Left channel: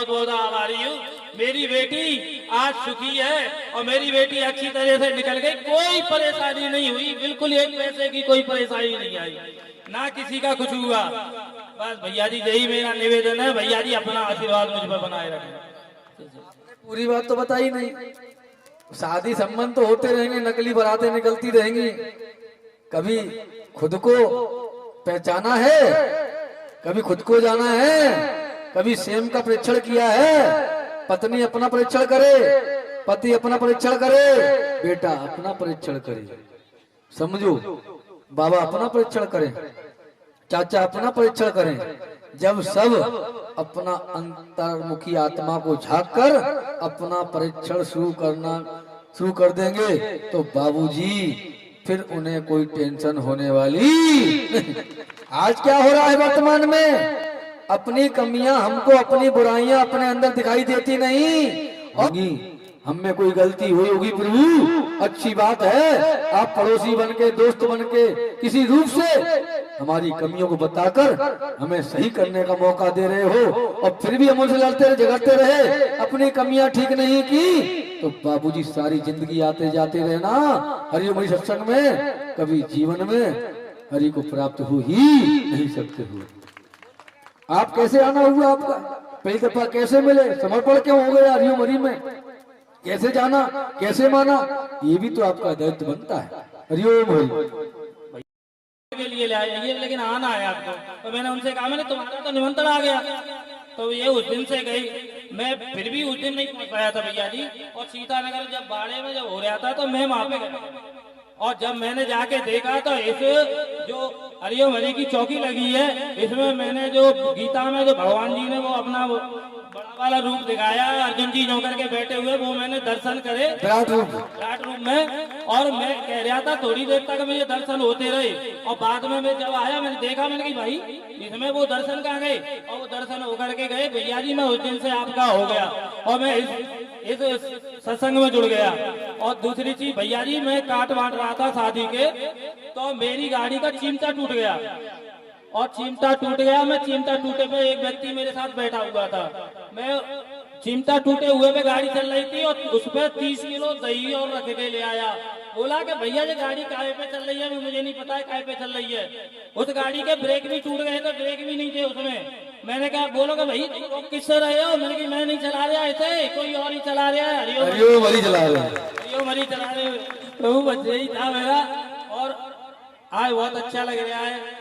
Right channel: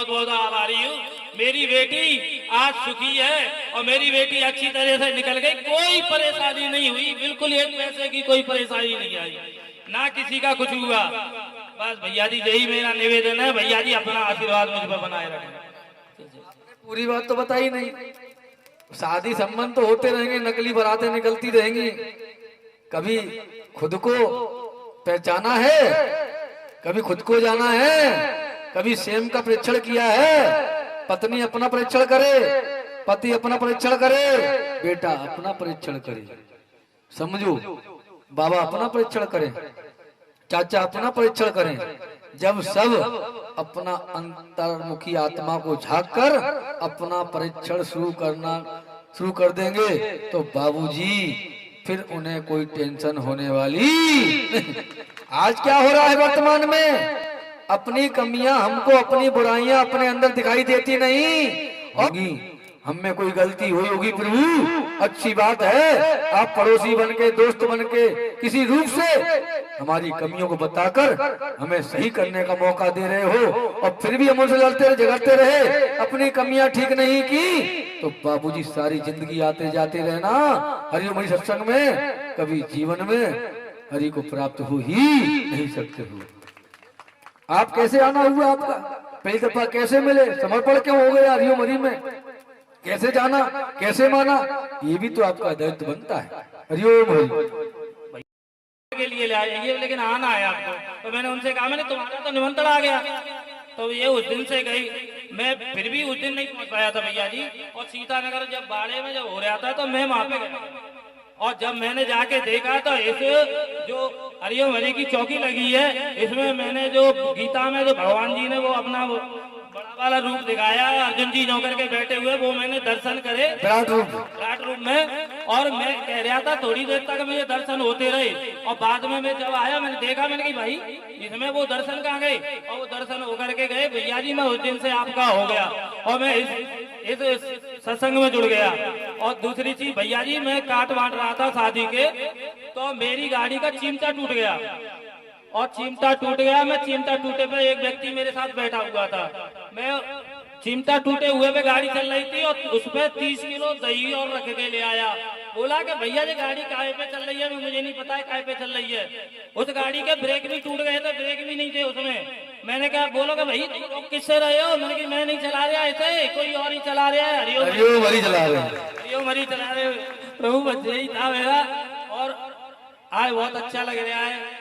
बहुत बहुत आभारी हूँ। मेरी बेटी आज सुखी है और मेरी बेटी अच्छी तरह से निकल गई, कोई परेशानी नहीं हुई, बिल्कुल एक पैसे की कोई परेशानी नहीं आई, ना किसी का कुछ हुआ। बस भैया जी यही मेरा निवेदन है, भैया जी अपना आशीर्वाद मुझ पर बनाए रखें। पूरी बात तो बताई नहीं। शादी संबंध तो होते रहेंगे, नकली बारातें निकलती रहेंगी। कभी खुद को पहचाना है, कभी खुद को जाना है, कभी सेम का परीक्षण किया है। पत्नी अपना परीक्षण करे, पति अपना परीक्षण करे, बेटा अपना परीक्षण करे, समझो, बाबा अपना परीक्षण करें, चाचा अपना परीक्षण करें। जब सब अपना अंतर्मुखी आत्मा को झांक कर अपना परीक्षण शुरू कर देंगे तो बाबूजी फिर उन्हें कोई टेंशन होने वाली नहीं। आज क्या हो रहा है वर्तमान में, अपनी कमियां हमको, अपनी बुराइयां अपने अंदर दिखाई देती नहीं। और हम में कोई गलती हुई होगी प्रभु, अच्छी बात है, आप पड़ोसी बन के, दोस्त बन के, किसी रूप से हमारी कमियों को बताकर हमें सही करने का मौका दे रहे हो, और फिर भी हम उनसे लड़ते झगड़ते रहे, अपनी कमियां ठीक नहीं की, तो बाबूजी सारी जिंदगी आते जाते रहना हरिओम हरि सत्संग में, कभी जीवन में हरि को प्राप्त हो ही नहीं सकते हो। आप कैसे आना हुआ, आपका पहली दफा कैसे मिले, समर्पण क्यों हो गया हरिओम हरि में, कैसे जाना, कैसे माना, ये भी तो आपका दायित्व बनता है। हरिओम हरि के लिए ले आए, लेकिन आना है आपको, तो मैंने उनसे कहा, मैंने तुम्हारा तो निमंत्रण आ गया, तो ये उस दिन से गई, मैं फिर भी उस दिन नहीं पहुंच पाया था भैया जी। और सीतानगर जब बाड़े में जब हो रहा था तो मैं वहां पे गया, और जब मैंने जाके देखा तो इस जो हरिओम हरि की चौकी लगी है, इसमें मैंने जो गीता में जो भगवान जी ने वो अपना वो बड़ा वाला रूप दिखाया, अर्जुन जी नौकर के बैठे हुए, वो मैंने दर्शन करे विराट रूप में। और मैं कह रहा था थोड़ी देर तक मुझे दर्शन होते रहे, और बाद में मैं जब आया मैंने देखा, मैंने कहा भाई इसमें वो दर्शन कहाँ गए, और वो दर्शन होकर के गए। भैया जी मैं उस दिन से आपका हो गया और मैं इस सत्संग में जुड़ गया। और दूसरी चीज भैया जी, मैं काट बांट रहा था शादी के, तो मेरी गाड़ी का चिमटा टूट गया, और चिमटा टूट गया, मैं चिमटा टूटे पे एक व्यक्ति मेरे साथ बैठा हुआ था, मैं चिमटा टूटे हुए पे गाड़ी चल रही थी, और उस पे 30 किलो दही और रख के ले आया। बोला कि भैया ये गाड़ी काहे पे चल रही है, मुझे नहीं पता है काहे पे चल रही है। उस गाड़ी के ब्रेक भी टूट गए थे, ब्रेक भी नहीं थे उसमें। मैंने कहा बोलोगे भाई तुम किससे रहे हो, मैंने कहा मैं नहीं चला रहा ऐसे, कोई और ही चला रहा है, हरिओम हरि चला रहे, हरिओम हरि चला रहे। प्रभु बस यही था मेरा, और आज बहुत अच्छा लग रहा है,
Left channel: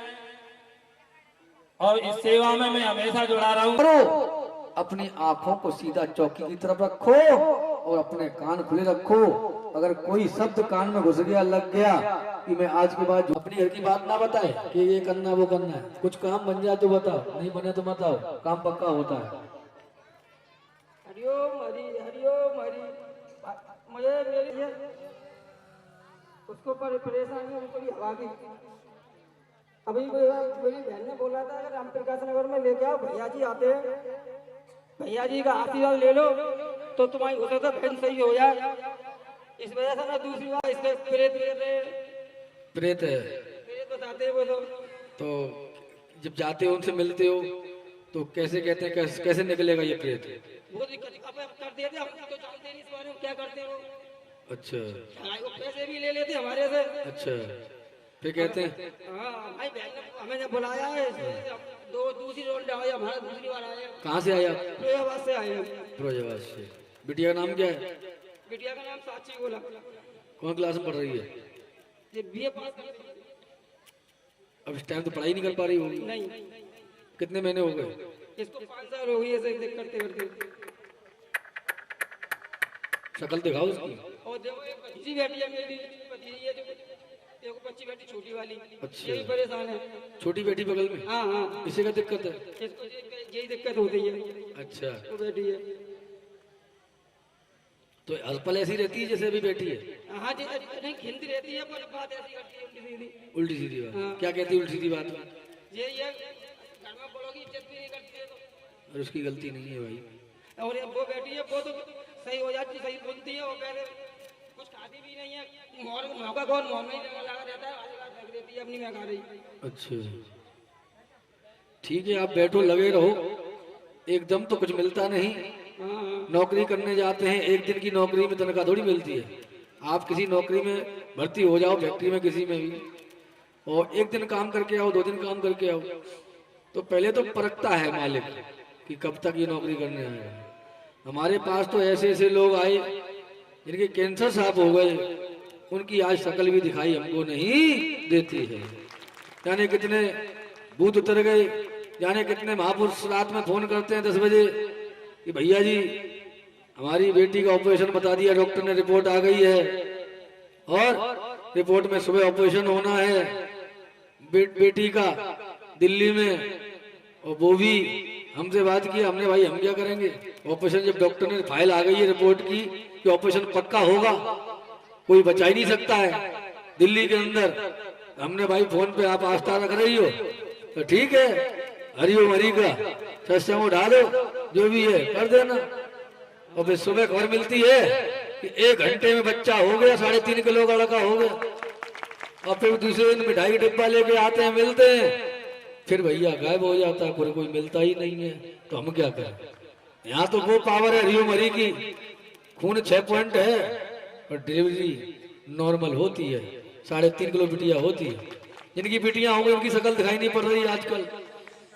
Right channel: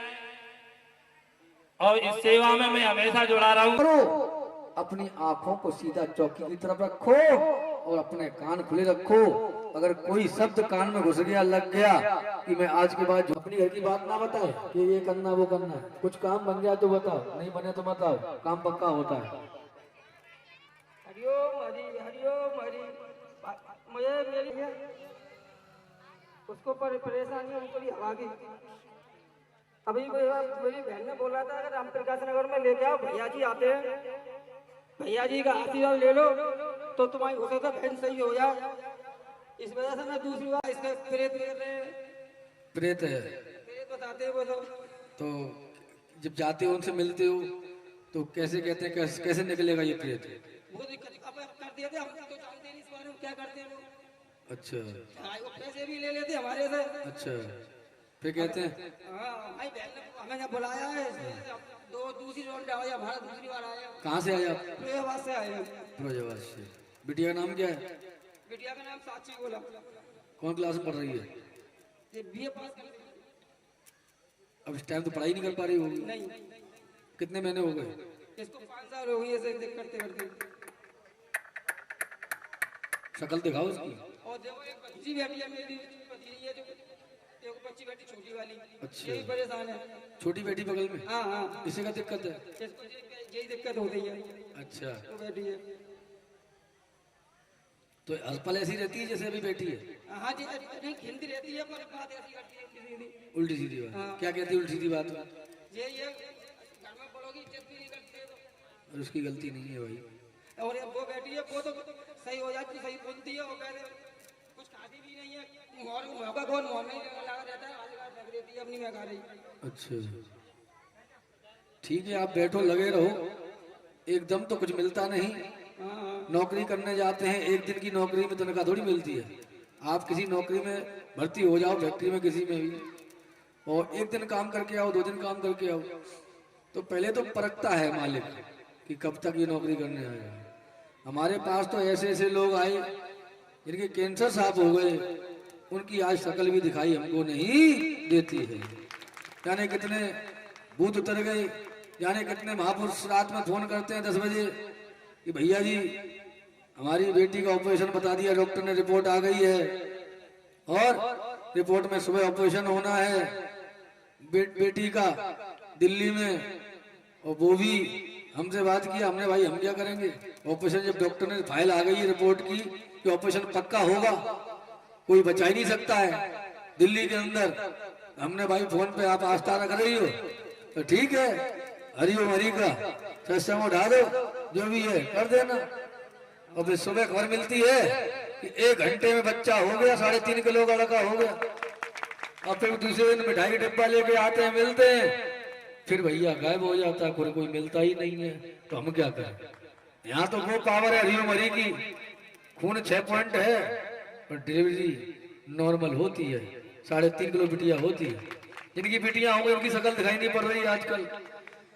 और इस सेवा में मैं हमेशा जुड़ा रहा हूँ। अपनी आंखों को सीधा चौकी की तरफ रखो और अपने कान खुले रखो। अगर कोई शब्द कान में घुस गया, लग गया कि मैं आज के बाद अपनी घर की बात ना बताए कि ये करना वो करना है, कुछ काम बन जाए तो बताओ, नहीं बने तो बताओ, काम पक्का होता है। हरिओम हरि, हरिओम हरि। मुझे मेरी उसको परेशानी उनको हवा की, अभी मेरी बहन ने बोला था अगर राम प्रकाश नगर में लेके आओ, भैया जी आते हैं, भैया जी का आशीर्वाद ले लो तो तुम्हारी हो सकता बहन सही हो जाए। इस वजह से मैं दूसरी बार इसके प्रेत है, प्रेत बताते हैं वो तो जब जाते हो उनसे मिलते हो तो कैसे कहते हैं, कैसे निकलेगा ये प्रेत? वो दिक्कत अब कर देते, हम तो जानते नहीं इस बारे में क्या करते हो। अच्छा, वो पैसे भी ले लेते हमारे से। अच्छा, फिर कहते हैं हाँ भाई बहन ने हमें बुलाया है, दूसरी रोड आया, हमारा दूसरी बार आया। कहाँ से आया? फिरोजाबाद से आया। फिरोजाबाद से। बिटिया का नाम क्या है? बिटिया का नाम साक्षी बोला। कौन क्लास में पढ़ रही है? ये बीए पास कर। अब इस टाइम तो पढ़ाई नहीं कर पा रही होगी। नहीं। कितने महीने हो गए इसको? 5 साल हो गए ऐसे करते करते। शक्ल दिखाओ उसकी। और देखो एक बच्ची बैठी है मेरी, ये देखो बच्ची बैठी छोटी वाली। अच्छा, ये भी परेशान है। छोटी बेटी बगल में? हाँ हाँ। इसे क्या दिक्कत है? इसको यही दिक्कत होती है। अच्छा, वो बैठी है तो अलपल ऐसी रहती है जैसे अभी बैठी है? हाँ जी, नहीं खिलती रहती है पर बात ऐसी करती है उल्टी सीधी। उल्टी सीधी बात? हाँ। क्या कहती है उल्टी सीधी बात? ये घर में बड़ों की इज्जत भी नहीं करती है तो। और उसकी गलती नहीं है भाई। और ये वो बैठी है, वो तो सही हो जाती, सही बोलती है, वो पहले कुछ खाती भी नहीं है, मौका कौन मुँह में ही लगा रहता है, वाली बात लग रहती है अपनी में खा रही। अच्छा, ठीक है, आप बैठो, लगे रहो, एकदम तो कुछ मिलता नहीं। हाँ नौकरी करने जाते हैं, एक दिन की नौकरी में तनख्वाह थोड़ी मिलती है। आप किसी नौकरी में भर्ती हो जाओ, फैक्ट्री में किसी में भी, और एक दिन काम करके आओ, 2 दिन काम करके आओ, तो पहले तो परखता है मालिक कि कब तक ये नौकरी करने आएगा। हमारे पास तो ऐसे ऐसे लोग आए जिनके कैंसर साफ हो गए, उनकी आज शक्ल भी दिखाई हमको नहीं देती है। जाने कितने भूत उतर गए, जाने कितने महापुरुष रात में फोन करते हैं 10 बजे कि भैया जी हमारी बेटी का ऑपरेशन बता दिया डॉक्टर ने, रिपोर्ट आ गई है और रिपोर्ट में सुबह ऑपरेशन होना है बेटी का दिल्ली में। और वो भी हमसे बात की, हमने भाई हम क्या करेंगे ऑपरेशन, जब डॉक्टर ने फाइल आ गई है रिपोर्ट की कि ऑपरेशन पक्का होगा, कोई बचा ही नहीं सकता है दिल्ली के अंदर। हमने भाई फोन पे आप आस्था रख रही हो तो ठीक है, हरिओम हरि का सत्संग उठा दो, जो भी है कर देना। और फिर सुबह खबर मिलती है कि 1 घंटे में बच्चा हो गया, 3.5 किलो का लड़का हो गया। और फिर दूसरे दिन मिठाई का डिब्बा लेके आते हैं, मिलते हैं, फिर भैया गायब हो जाता है, कोई मिलता ही नहीं है। तो हम क्या करें? यहाँ तो वो पावर है हरिओम हरि की, खून 6 पॉइंट है और डिलीवरी नॉर्मल होती है, 3.5 किलो बिटिया होती है। जिनकी बिटियां हो गई उनकी शक्ल दिखाई नहीं पड़ रही आजकल।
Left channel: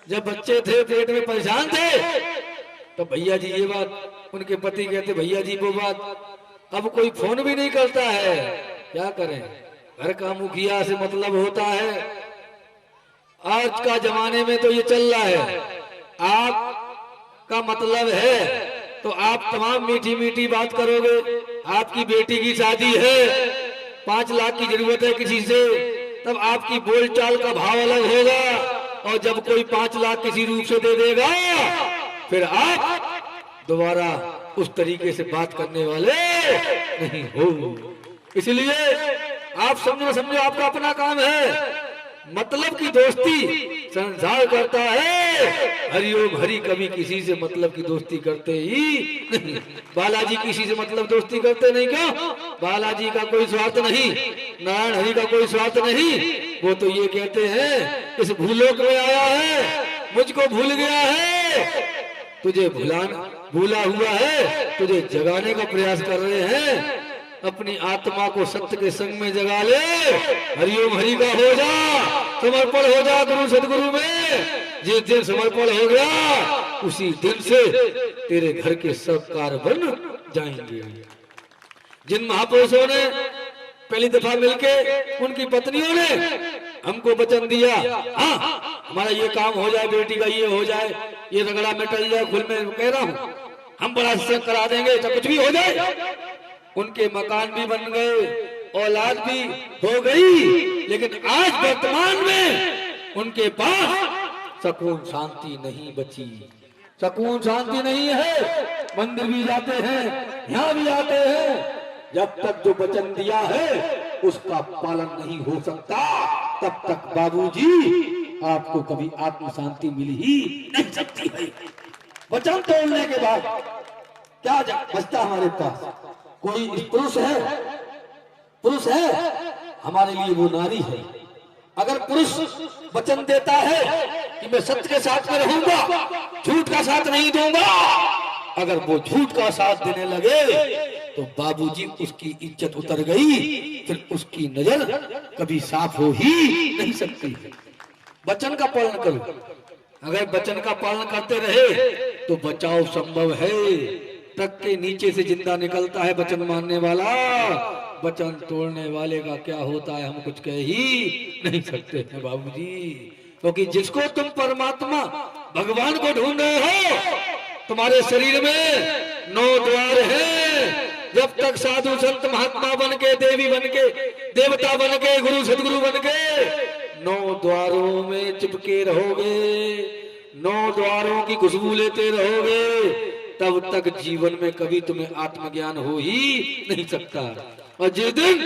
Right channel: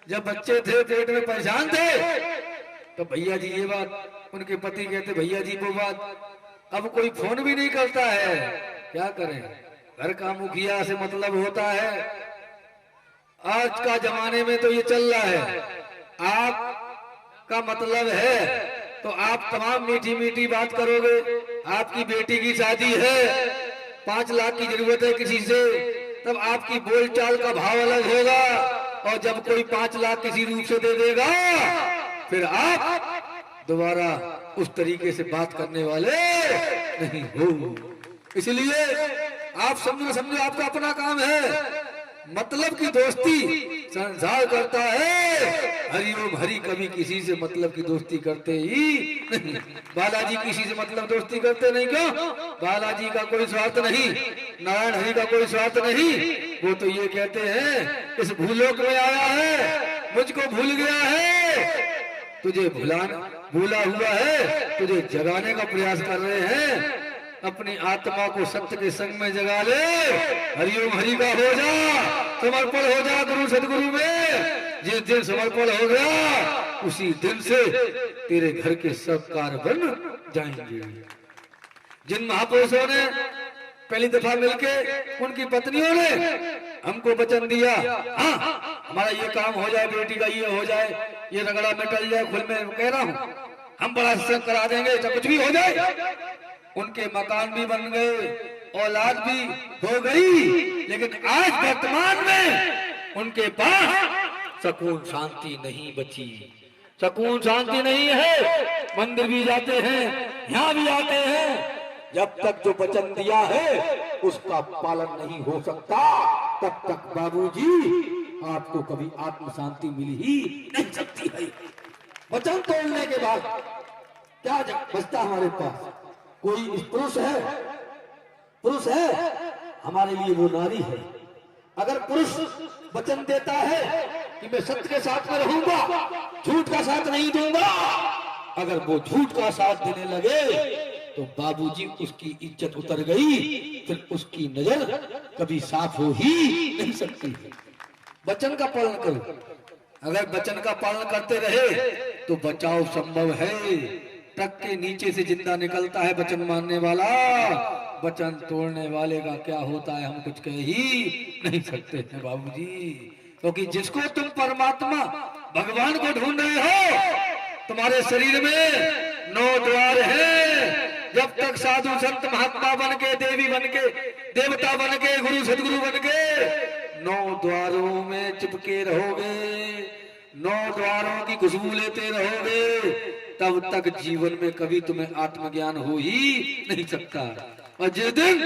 जब बच्चे थे पेट में परेशान थे तो भैया जी ये बात, उनके पति कहते भैया जी वो बात। अब कोई फोन भी नहीं करता है, क्या करें? घर का मुखिया से मतलब होता है। आज का जमाने में तो ये चल रहा है, आप का मतलब है तो आप तमाम मीठी मीठी बात करोगे। आपकी बेटी की शादी है, 5 लाख की जरूरत है किसी से, तब आपकी बोलचाल का भाव अलग होगा। और जब कोई 5 लाख किसी रूप से दे देगा, फिर आप दोबारा उस तरीके से बात करने वाले नहीं हो। इसलिए आप समझो आपका अपना काम है। मतलब की दोस्ती संसार करता है, हरिओम हरि कभी किसी से मतलब की दोस्ती करते ही नहीं। बालाजी किसी से मतलब दोस्ती करते नहीं, क्यों? बालाजी का कोई स्वार्थ नहीं, नारायण हरि का कोई स्वार्थ नहीं। वो तो ये कहते हैं इस भूलोक में आया है, मुझको भूल गया है, तुझे भूला हुआ है, तुझे जगाने का प्रयास कर रहे हैं। अपनी आत्मा को सत्य के संग में जगा ले, हरिओम हरि का हो जा, समर्पण हो जा गुरु सदगुरु में। जिस दिन समर्पण हो गया उसी दिन से तेरे घर के सब कार्य बन जाएंगे। जिन महापुरुषों ने पहली दफा मिलके उनकी पत्नियों ने हमको वचन दिया, हाँ हमारा ये काम हो जाए, बेटी का ये हो जाए, ये रगड़ा मिटल जाए, खुल में कह रहा हूँ, हम बड़ा सत्संग करा देंगे तो कुछ भी हो जाए। उनके मकान भी बन गए, औलाद भी हो गई, लेकिन आज वर्तमान में उनके पास सुकून शांति नहीं बची, सुकून शांति नहीं है। मंदिर भी जाते हैं, यहाँ भी आते हैं, जब तक जो वचन दिया है उसका पालन नहीं हो सकता, तब तक बाबूजी आपको कभी आत्म शांति मिल ही नहीं सकती है। वचन तोड़ने के बाद क्या बचता हमारे पास? कोई पुरुष है हमारे लिए वो नारी है। अगर पुरुष वचन देता है कि मैं सत्य के साथ में रहूंगा, झूठ का साथ नहीं दूंगा, अगर वो झूठ का साथ देने लगे तो बाबूजी उसकी इज्जत उतर गई, फिर उसकी नजर कभी साफ हो ही नहीं सकती है। वचन का पालन करो। अगर वचन का पालन करते रहे तो बचाव संभव है। ट्रक के नीचे से जिंदा निकलता है वचन मानने वाला, वचन तोड़ने वाले का क्या होता है हम कुछ कह ही नहीं सकते हैं बाबूजी। क्योंकि जिसको तुम परमात्मा भगवान को ढूंढ रहे हो, तुम्हारे शरीर में 9 द्वार हैं। जब तक साधु संत महात्मा बन के, देवी बन के, देवता बन के, गुरु सदगुरु बन के 9 द्वारों में चिपके रहोगे, 9 द्वारों की खुशबू लेते रहोगे, तब तक जीवन में कभी तुम्हें आत्मज्ञान हो ही नहीं सकता। और जिस दिन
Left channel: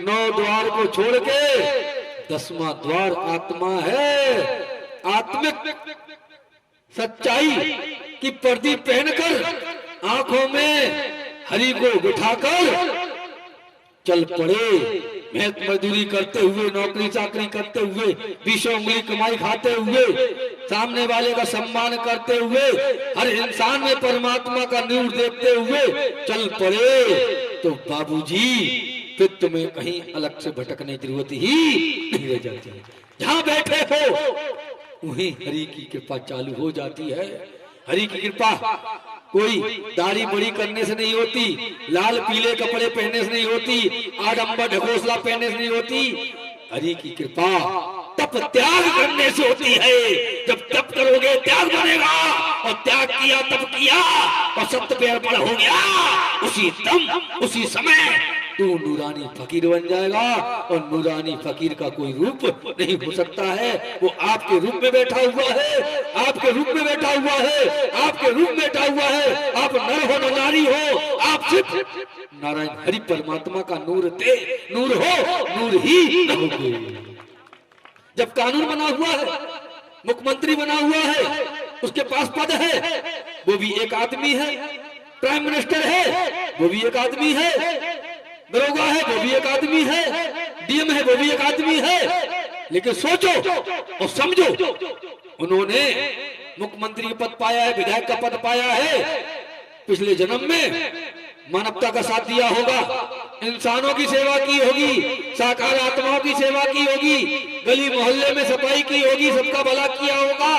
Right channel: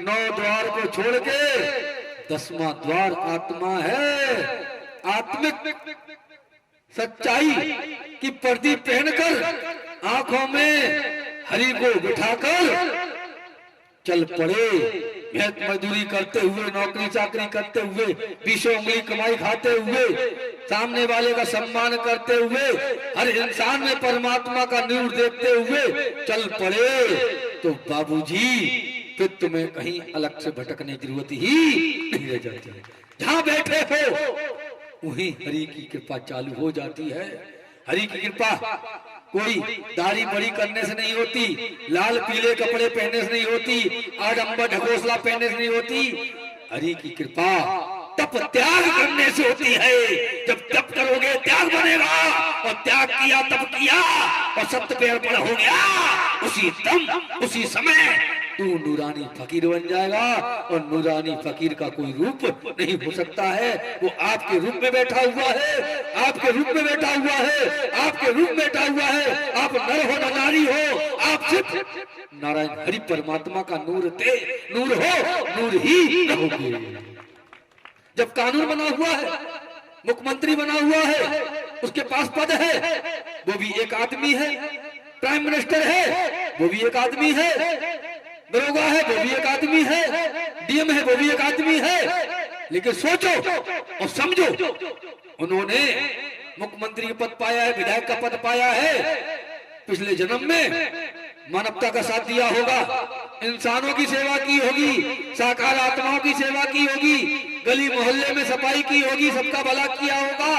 9 द्वार को छोड़ के 10वां द्वार आत्मा है, आत्मिक सच्चाई की पर्दी पहनकर आंखों में हरि को बिठाकर चल पड़े मेहनत मजदूरी करते हुए, नौकरी चाकरी करते हुए, 20 उंगली कमाई खाते हुए, सामने वाले का सम्मान करते हुए, हर इंसान में परमात्मा का नूर देखते हुए चल पड़े तो बाबूजी फिर तुम्हें कहीं अलग से भटकने की जरूरत ही नहीं रह जाती है। जहां बैठे हो वहीं हरि की कृपा चालू हो जाती है। हरि की कृपा कोई दाढ़ी बड़ी करने से नहीं होती, लाल पीले कपड़े पहनने से नहीं होती, आडंबर ढकोसला पहनने से नहीं होती। हरि की कृपा तप त्याग करने से होती है। जब तप करोगे त्याग बनेगा, और त्याग किया तप किया और सत्य पे अर्पण हो गया, उसी दम उसी समय तू नूरानी फकीर बन जाएगा। और नूरानी फकीर का कोई रूप नहीं हो सकता है। वो आपके रूप में बैठा हुआ है, आपके रूप में बैठा हुआ है, आपके रूप में बैठा हुआ है। आप नर हो न नारी हो, आप सिर्फ नारायण हरि परमात्मा का नूर थे, नूर हो, नूर ही रहोगे। जब कानून बना हुआ है, मुख्यमंत्री बना हुआ है, उसके पास पद है, वो भी एक आदमी है। प्राइम मिनिस्टर है, वो भी एक आदमी है। दरोगा है, वो भी एक आदमी है। डीएम है, वो भी एक आदमी है। लेकिन सोचो और समझो, उन्होंने मुख्यमंत्री का पद पाया है, विधायक का पद पाया है, पिछले जन्म में मानवता का साथ दिया होगा, इंसानों की सेवा की होगी, साकार आत्माओं की सेवा की होगी, गली मोहल्ले में सफाई की होगी, सबका भला किया होगा,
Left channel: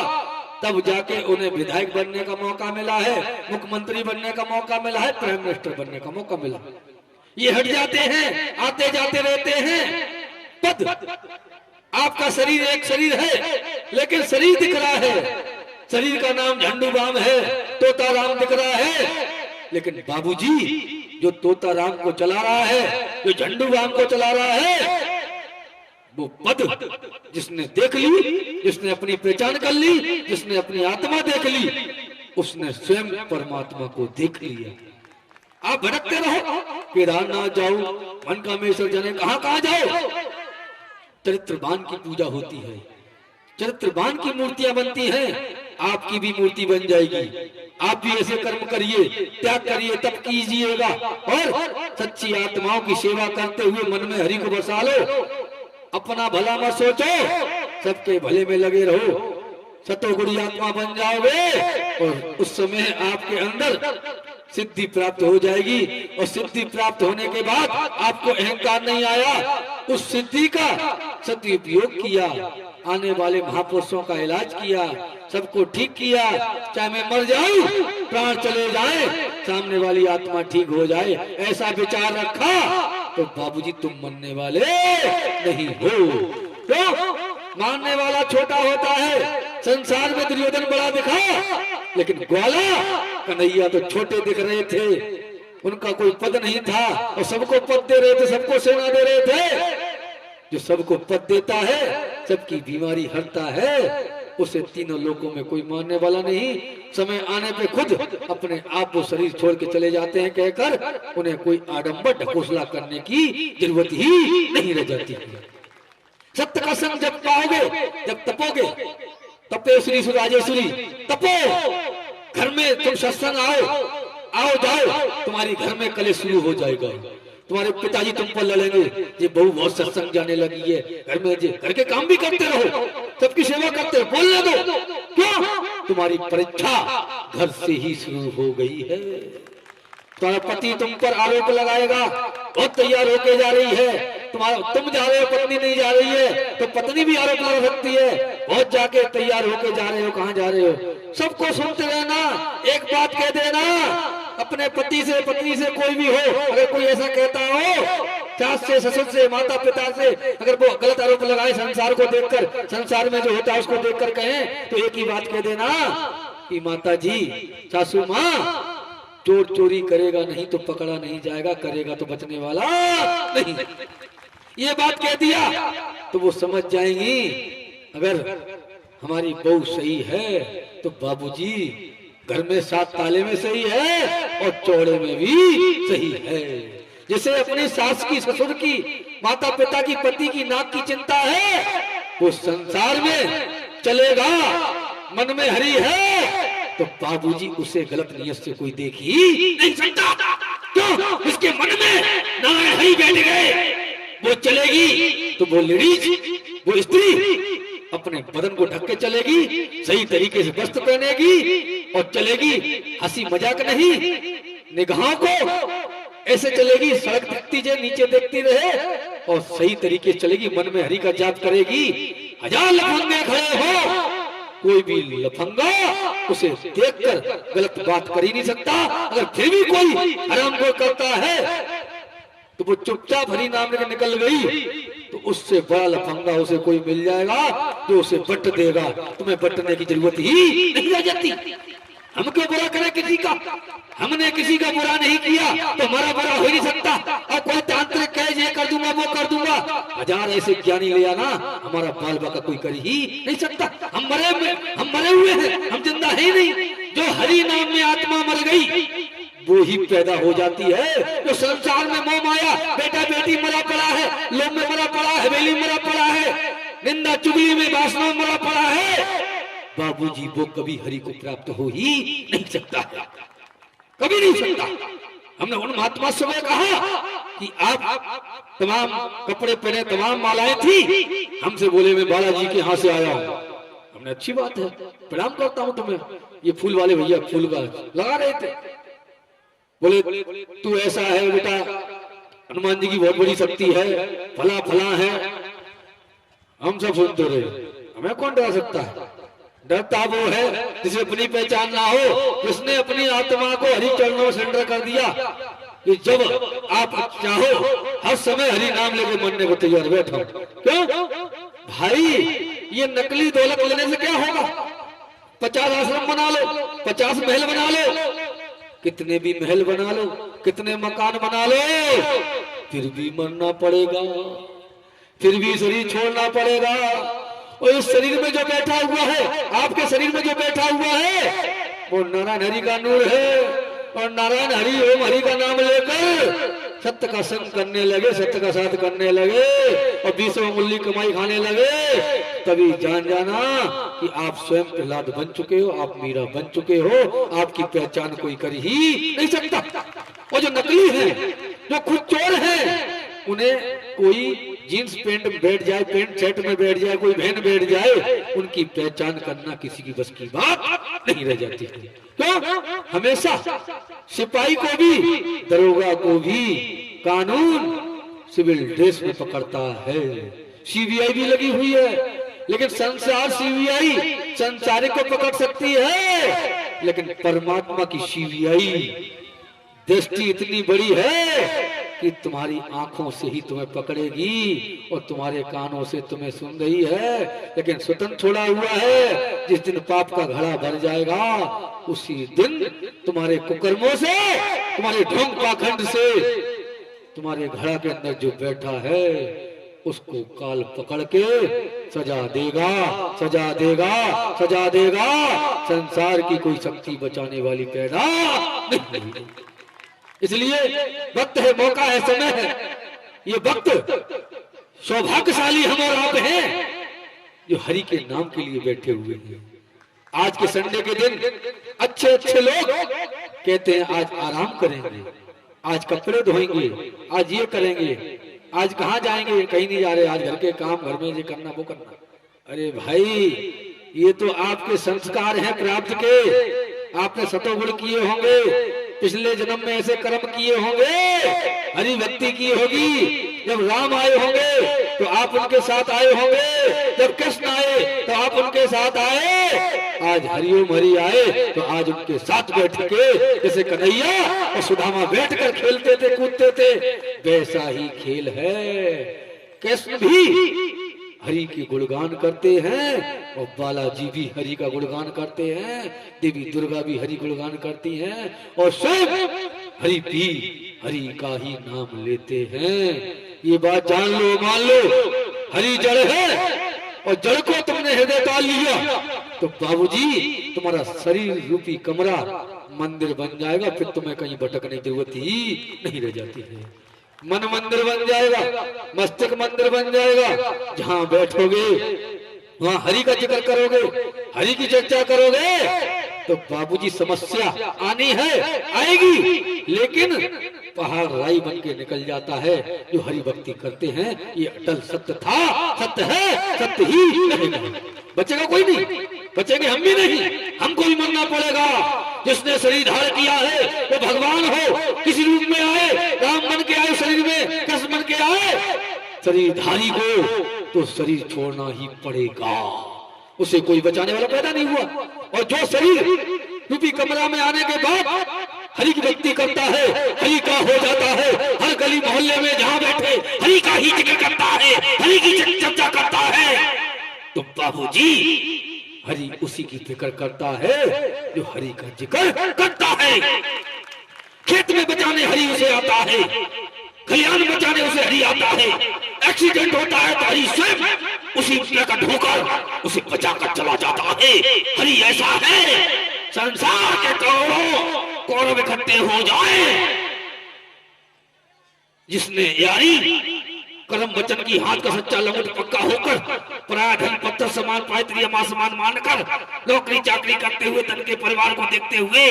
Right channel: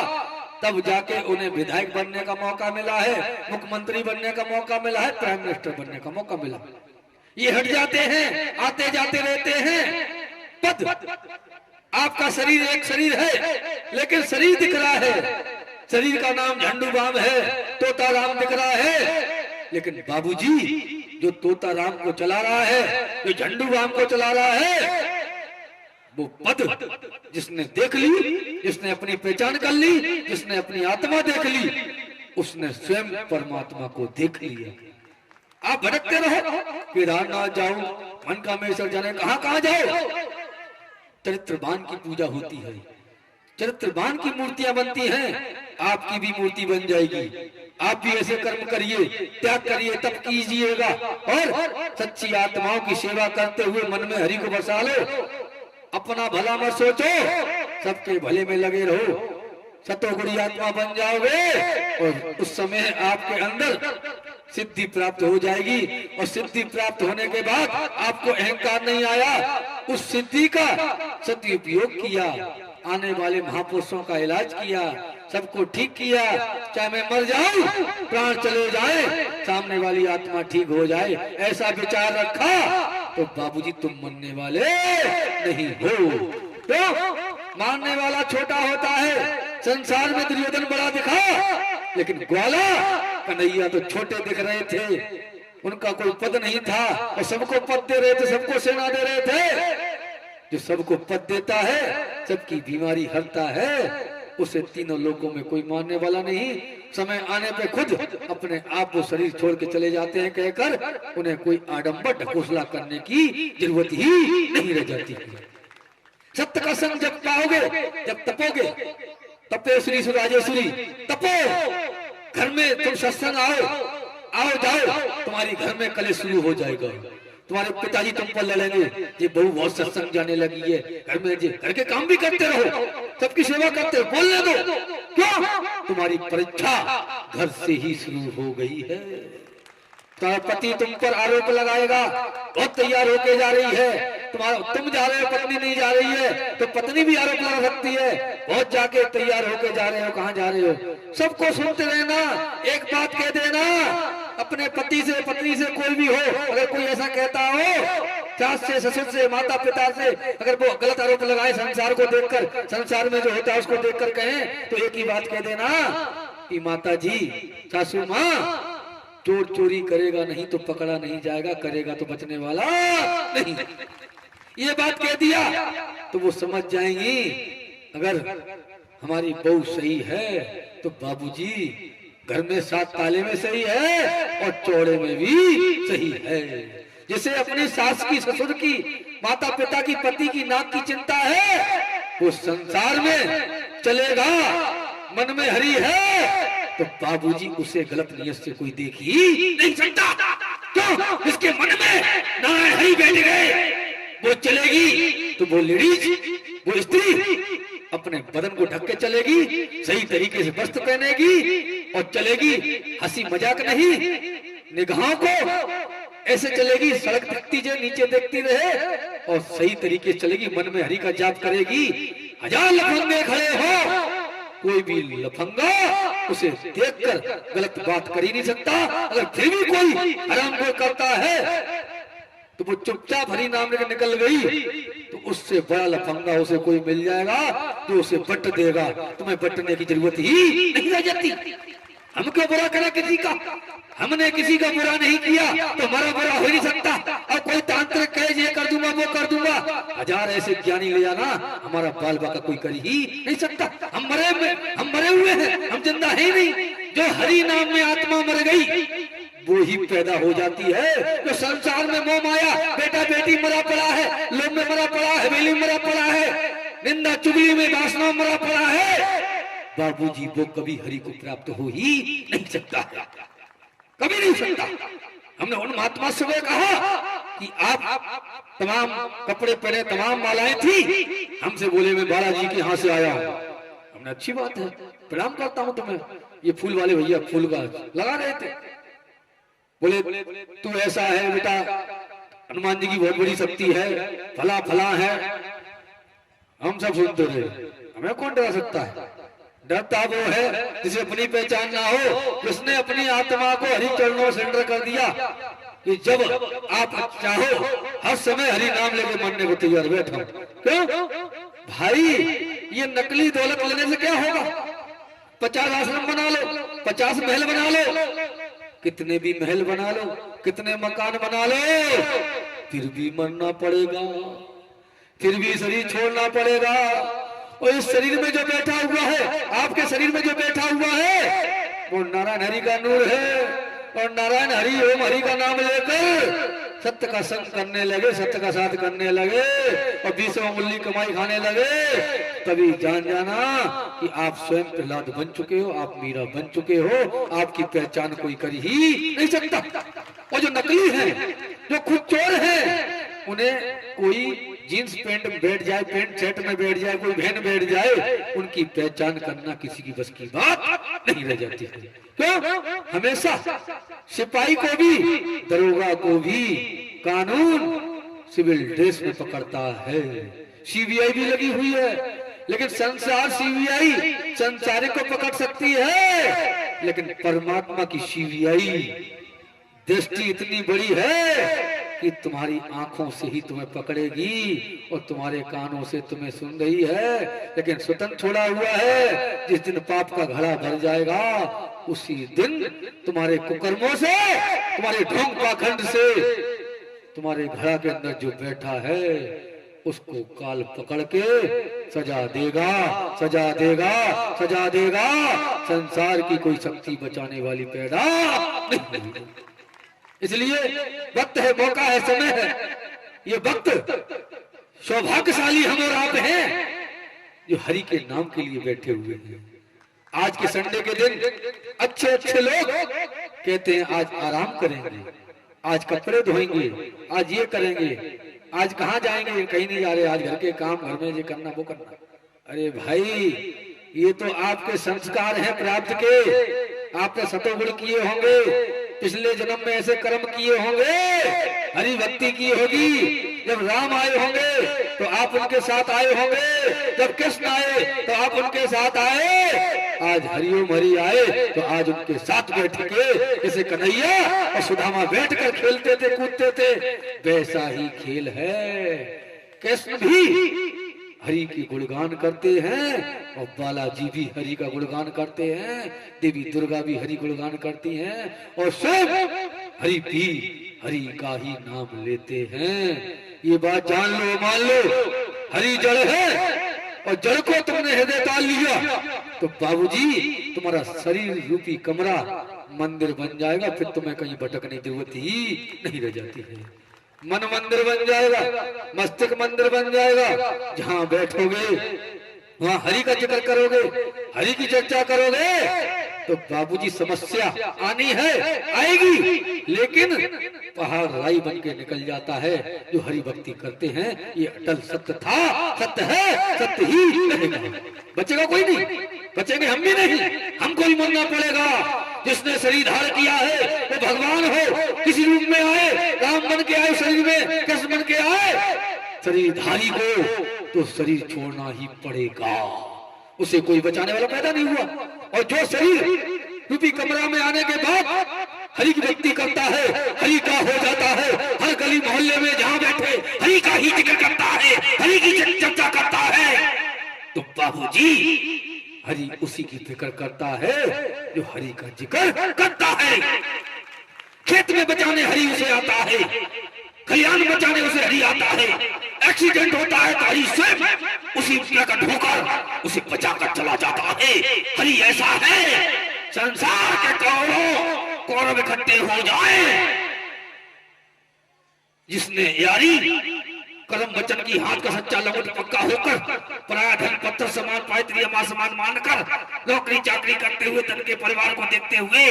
तब जाके उन्हें विधायक बनने का मौका मिला है, मुख्यमंत्री बनने का मौका मिला है, प्राइम मिनिस्टर बनने का मौका मिला। ये हट जाते हैं, आते जाते रहते हैं। पद, आपका शरीर एक शरीर है, लेकिन शरीर दिख रहा है। शरीर का नाम झंडू राम है, तोता राम दिख रहा है, लेकिन बाबूजी जो तोता राम को चला रहा है, जो झंडू राम को चला रहा है, वो पद जिसने देख ली, जिसने अपनी पहचान कर ली, जिसने अपनी आत्मा देख ली, उसने स्वयं परमात्मा को देख लिया। आप भटकते रहो, केदारनाथ जाओ, मनकामेश्वर जाने, कहां कहां जाओ, चरित्रवान की पूजा होती है, चरित्रवान की मूर्तियां बनती हैं। आपकी भी मूर्ति बन जाएगी। आप भी ऐसे कर्म करिए, त्याग करिए, तप कीजिएगा और सच्ची आत्माओं की सेवा करते हुए मन में हरि को बसा लो। अपना भला मत सोचो, सबके भले में लगे रहो, सतोगुणी आत्मा बन जाओगे और उस समय आपके अंदर सिद्धि प्राप्त हो जाएगी। और सिद्धि प्राप्त होने के बाद आपको अहंकार नहीं आया, उस सिद्धि का सदुपयोग किया, आने वाले महापुरुषों का इलाज किया, सबको ठीक किया। चाहे मैं मर जाऊं, प्राण चले जाए, सामने वाली आत्मा ठीक हो जाए, ऐसा विचार रखा तो बाबूजी तुम मरने वाले नहीं हो। तो मानने वाला छोटा होता है। संसार में दुर्योधन बड़ा दिखा, लेकिन ग्वाला कन्हैया तो छोटे दिख रहे थे। उनका कोई पद नहीं था और सबको पद दे रहे थे, सबको सेना दे रहे थे। जो सबको पद देता है, सबकी बीमारी हरता है, उसे तीनों लोगों में कोई मानने वाला नहीं। समय आने पे खुद अपने आप वो शरीर छोड़ के चले जाते हैं, कहकर उन्हें कोई आडंबर ढकोसला करने की जरूरत ही नहीं रह जाती। सत्य का संग जब पाओगे, जब तपोगे, तपेश्वरी सुराजेश्वरी तपो, घर में तुम सत्संग आओ जाओ, तुम्हारी घर में कलेश शुरू हो जाएगा। तुम्हारे पिताजी तुम पर लड़ेंगे, ये बहू बहुत सत्संग जाने लगी है, घर में घर के काम भी करते रहो, सबकी सेवा करते रहो, बोलने दो। क्यों? तुम्हारी परीक्षा घर से ही शुरू हो गई है। तुम्हारा पति तुम पर आरोप लगाएगा, बहुत तैयार होके जा रही है, तुम जा रहे हो, पत्नी नहीं जा रही है, तो पत्नी भी आरोप लगा सकती है, बहुत जाके तैयार होके जा रहे हो, कहाँ जा रहे हो। सबको सुनते रहना, एक बात कह देना, अपने पति से, पत्नी से, कोई भी हो, अगर कोई ऐसा कहता हो, सास से, ससुर से, माता पिता से, अगर वो गलत आरोप लगाए संसार को देखकर, संसार में जो होता है उसको देखकर कहें, तो एक ही बात कह देना कि माता जी, सासू माँ, चोर चोरी करेगा नहीं तो पकड़ा नहीं जाएगा, करेगा तो बचने वाला नहीं। ये बात कह दिया तो वो समझ जाएंगी, अगर हमारी बहू सही है तो बाबूजी घर में 7 ताले में सही है और चौड़े में भी सही है। जैसे अपनी सास की, ससुर की, माता पिता की, पति की नाक की चिंता है, वो संसार में चलेगा, मन में हरि है, तो बाबूजी उसे गलत नियत से कोई देख ही नहीं सकता। क्यों? इसके मन में नारायण हरि बैठ गए, वो चलेगी तो वो लेडीज, वो स्त्री अपने बदन को ढक के चलेगी, सही तरीके से वस्त्र पहनेगी और चलेगी। हंसी मजाक नहीं, निगाहों को ऐसे चलेगी, सड़क दिखती जाए नीचे देखती रहे और सही तरीके से चलेगी। मन में हरि का जाप करेगी। हजार लफंगे खड़े हो, कोई भी लफंगा उसे देखकर गलत बात कर ही नहीं सकता। अगर फिर भी कोई हराम को करता है तो वो चुपचाप हरि नाम लेकर निकल गई तो उससे बड़ा लफंगा उसे कोई मिल जाएगा जो उसे बट देगा। तुम्हें बटने की जरूरत ही नहीं रह जाती। हम क्यों बुरा करें किसी का? हमने किसी का बुरा नहीं किया तो हमारा बुरा हो नहीं सकता। और कोई तांत्रिक कहे ये कर दूंगा वो कर दूंगा, हजार ऐसे ज्ञानी ले आना, हमारा बाल बाका कोई कर ही नहीं सकता। हम मरे हुए हैं, हम जिंदा ही नहीं। जो हरि नाम में आत्मा मर गई वो ही पैदा हो जाती है। जो संसार में मोह माया, बेटा बेटी मरा पड़ा है, लोभ में मरा पड़ा है, हवेली मरा पड़ा है, निंदा चुगली में वासना में मरा पड़ा है, बाबूजी वो कभी हरि को प्राप्त हो ही नहीं सकता, कभी नहीं सकता। हमने उन महात्मा से कहा कि आप तमाम कपड़े पहने, तमाम मालाएं थी, हमसे बोले मैं बालाजी के यहाँ से आया हूँ। हमने अच्छी बात है, प्रणाम करता हूँ तुम्हें। ये फूल वाले भैया फूल का लगा रहे थे, बोले तू ऐसा है बेटा, हनुमान जी की बहुत बड़ी शक्ति है, फला फला है। हम सब सुनते रहे, हमें कौन डरा सकता है? डरता वो है जिसे अपनी पहचान ना हो, जिसने अपनी आत्मा को हरि चरणों में सरेंडर कर दिया कि जब आप चाहो हर समय हरि नाम लेकर मरने को तैयार बैठो। क्यों भाई, ये नकली दौलत लेने से क्या होगा? 50 आश्रम बना लो, 50 महल बना लो, कितने भी महल बना लो, कितने मकान बना लो, फिर भी मरना पड़ेगा, फिर भी शरीर छोड़ना पड़ेगा। और इस शरीर में जो बैठा हुआ है, आपके शरीर में जो बैठा हुआ है, वो नारायण हरि का नूर है। और नारायण हरि ओम हरि का नाम लेकर सत्य का संग करने लगे, सत्य का साथ करने लगे और 20 मूल्य कमाई खाने लगे, तभी जान जाना कि आप स्वयं प्रहलाद बन चुके हो, आप मीरा बन चुके हो। आपकी पहचान कोई कर ही नहीं सकता। और जो नकली है, जो खुद चोर है, उन्हें कोई जीन्स पैंट में बैठ जाए, पैंट शर्ट में बैठ जाए, कोई बहन बैठ जाए, उनकी पहचान करना किसी की बस की बात नहीं रह जाती। क्यों? हमेशा सिपाही को भी, दरोगा को भी कानून सिविल ड्रेस में पकड़ता है। सीबीआई भी लगी हुई है, लेकिन संसार सीबीआई संसारिक को पकड़ सकती है, लेकिन परमात्मा की सीबीआई दृष्टि इतनी बड़ी है कि तुम्हारी आंखों से ही तुम्हें पकड़ेगी और तुम्हारे कानों से तुम्हें सुन रही है, लेकिन स्वतंत्र छोड़ा हुआ है। जिस दिन पाप का घड़ा भर जाएगा उसी दिन तुम्हारे कुकर्मों से, तुम्हारे ढोंग पाखंड से, तुम्हारे घड़ा के अंदर जो बैठा है उसको काल पकड़ के सजा देगा, सजा देगा, सजा देगा। संसार की कोई शक्ति बचाने वाली पैदा नहीं होगी। इसलिए वक्त है, मौका है, समय है। ये वक्त सौभाग्यशाली हम और आप हैं जो हरि के नाम के लिए बैठे हुए हैं। आज के संडे के दिन अच्छे अच्छे लोग कहते हैं आज आराम करेंगे, आज कपड़े धोएंगे, आज ये करेंगे, आज कहाँ जाएंगे, कहीं नहीं जा रहे, आज घर के काम, घर में ये करना वो करना। अरे भाई, ये तो आपके संस्कार हैं प्राप्त के, आपने सतोगुण किए होंगे, पिछले जन्म में ऐसे कर्म किए होंगे, हरि भक्ति की होगी। जब राम आए होंगे तो आप उनके साथ आए होंगे, जब कृष्ण आए तो आप उनके साथ आए। आज हरिओम हरि आए तो आज उनके साथ बैठ के, जैसे कन्हैया और सुदामा बैठ कर खेलते थे, कूदते थे, वैसा ही खेल है। कृष्ण भी हरि की गुणगान करते हैं और बालाजी भी हरि का गुणगान करते हैं, देवी दुर्गा भी हरि गुणगान करती हैं और स्वयं हरि भी हरि का ही नाम लेते हैं। ये बात जान लो, मान लो, हरि जड़ है और जड़ को तुमने हृदय डाल लिया तो बाबूजी तुम्हारा शरीर रूपी कमरा मंदिर बन जाएगा, फिर तुम्हें कहीं भटकने की जरूरत ही नहीं रह जाती है। मन मंदिर बन जाएगा, मस्तिष्क मंदिर बन जाएगा, जहां बैठोगे वहां हरि का जिक्र करोगे, हरि की चर्चा करोगे तो बाबूजी समस्या आनी है, आएगी, लेकिन पहाड़ राई बन के निकल जाता है। जो हरि भक्ति करते हैं ये अटल सत्य था, सत्य है, सत्य ही रहेगा। बचेगा कोई नहीं, बचेंगे हम भी नहीं, हमको भी मरना पड़ेगा। जिसने शरीर धारण किया है वो भगवान हो, किसी रूप में आए, राम बन के आए शरीर में, कृष्ण बन के आए, शरीरधारी को तो शरीर छोड़ना ही पड़ेगा। उसे कोई बचाने वाला पैदा नहीं हुआ। और जो शरीर रूपी कमरा में आने के बाद हरि की भक्ति करता है, हरि का हो जाता है, हर गली मोहल्ले में जहाँ बैठे हरि का ही जिक्र करता है, हरि की चर्चा करता है, तो बाबूजी हरि उसी की फिक्र करता है जो हरि का जिक्र करता है। खेत में बचाने हरि उसे आता है, खलियान बचाने उसे हरि आता है। एक्सीडेंट होता है तो हरि स्वयं उसी का ढोकर उसे बचाकर चला जाता है। हरि ऐसा है, संसार के करोड़ों कौरव इकट्ठे हो जाए, जिसने यारी कर्म वचन की हाथ का सच्चा लंगोट पक्का होकर पराया धन पत्थर समान पायत्री मां समान मानकर नौकरी चाकरी करते हुए धन के परिवार को देखते हुए